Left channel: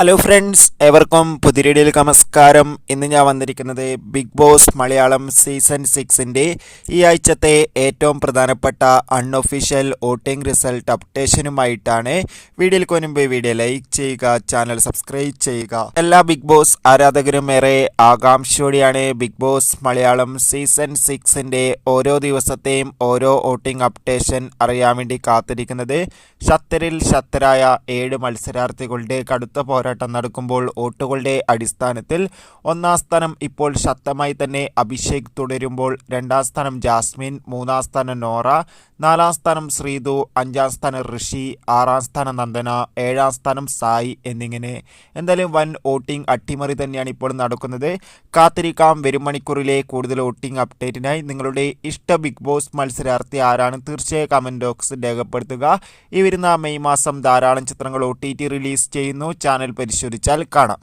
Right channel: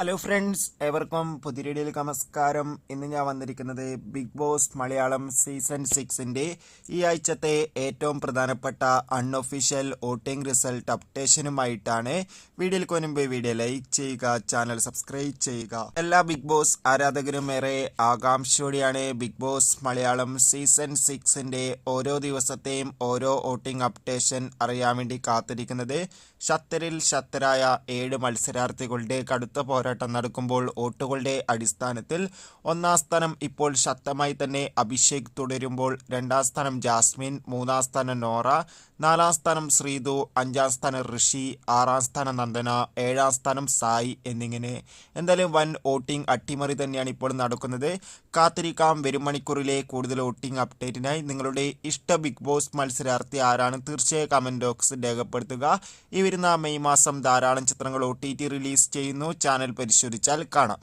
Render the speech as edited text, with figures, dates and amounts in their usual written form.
Hello friends, ഏവർക്കും പുതിയ വീഡിയോയിലേക്ക് നമസ്കാരം. ഇന്ന് ഞാൻ വന്നിരിക്കുന്നത് ബിഗ് ബോസ് മലയാളം സീസൺ 6ൻ്റെ ഈ ആഴ്ചത്തെ ഏറ്റവും പ്രധാനപ്പെട്ട അൺഒഫീഷ്യൽ വോട്ടിംഗ് റിസൾട്ട് അപ്ഡേഷനുമായിട്ടാണ്. വീഡിയോയിലേക്ക് മുൻപ് വീഡിയോ ലൈക്ക് ചെയ്യുക, ചാനൽ സബ്സ്ക്രൈബ് ചെയ്യുക. എല്ലാ ബിഗ് ബോസ് ആരാധകരും ഏറെ ആകാംക്ഷയോടെയാണ് ബിഗ് ബോസ് മലയാളം സീസൺ 6ൻ്റെ ഓരോ ദിവസത്തെയും ഓരോ വോട്ടിംഗ് അപ്ഡേഷൻ അറിയാൻ വേണ്ടി കാത്തിരിക്കുന്നത്. ശക്തരിൽ ശക്തരായ 7 മത്സരാർത്ഥികളുടെ കടുത്ത പോരാട്ടം നടക്കുമ്പോൾ വോട്ടുകളുടെ അടിസ്ഥാനത്തിൽ ഒന്നാം സ്ഥാനം ഇപ്പോൾ ശക്തമായി തന്നെ അഭിഷേക് തുടരുമ്പോൾ, രണ്ടാം സ്ഥാനം ജാസ്മിൻ, മൂന്നാം സ്ഥാനം നോറ, നാലാം സ്ഥാനം ശ്രീതു, അഞ്ചാം സ്ഥാനം ഋഷി, ആറാം സ്ഥാനം നന്ദന, ഏഴാം സ്ഥാനം സായി എന്നിങ്ങനെ എന്തായാലും വൻ വോട്ടിംഗ് അട്ടിമറി തന്നെയാണ് ഇപ്പോൾ നടക്കുന്നത്. കാത്തിരിക്കാം വരും മണിക്കൂറിലെ കൂടുതൽ വോട്ടിംഗ് അപ്ഡേറ്റിനായി. നിങ്ങളുടെ ഇഷ്ട ബിഗ് ബോസ് മത്സരാർത്ഥി ആരാണ്? തീർച്ചയായും കമൻറ്റ് ബോക്സിൽ രേഖപ്പെടുത്തുക. ഈ വരുന്ന മെയ് മാസം ധാരാളം ചിത്രങ്ങൾ OTT റിലീസ് ചെയ്യുന്നു. ചാനൽ പരിശോധിച്ചാൽ കാണാം.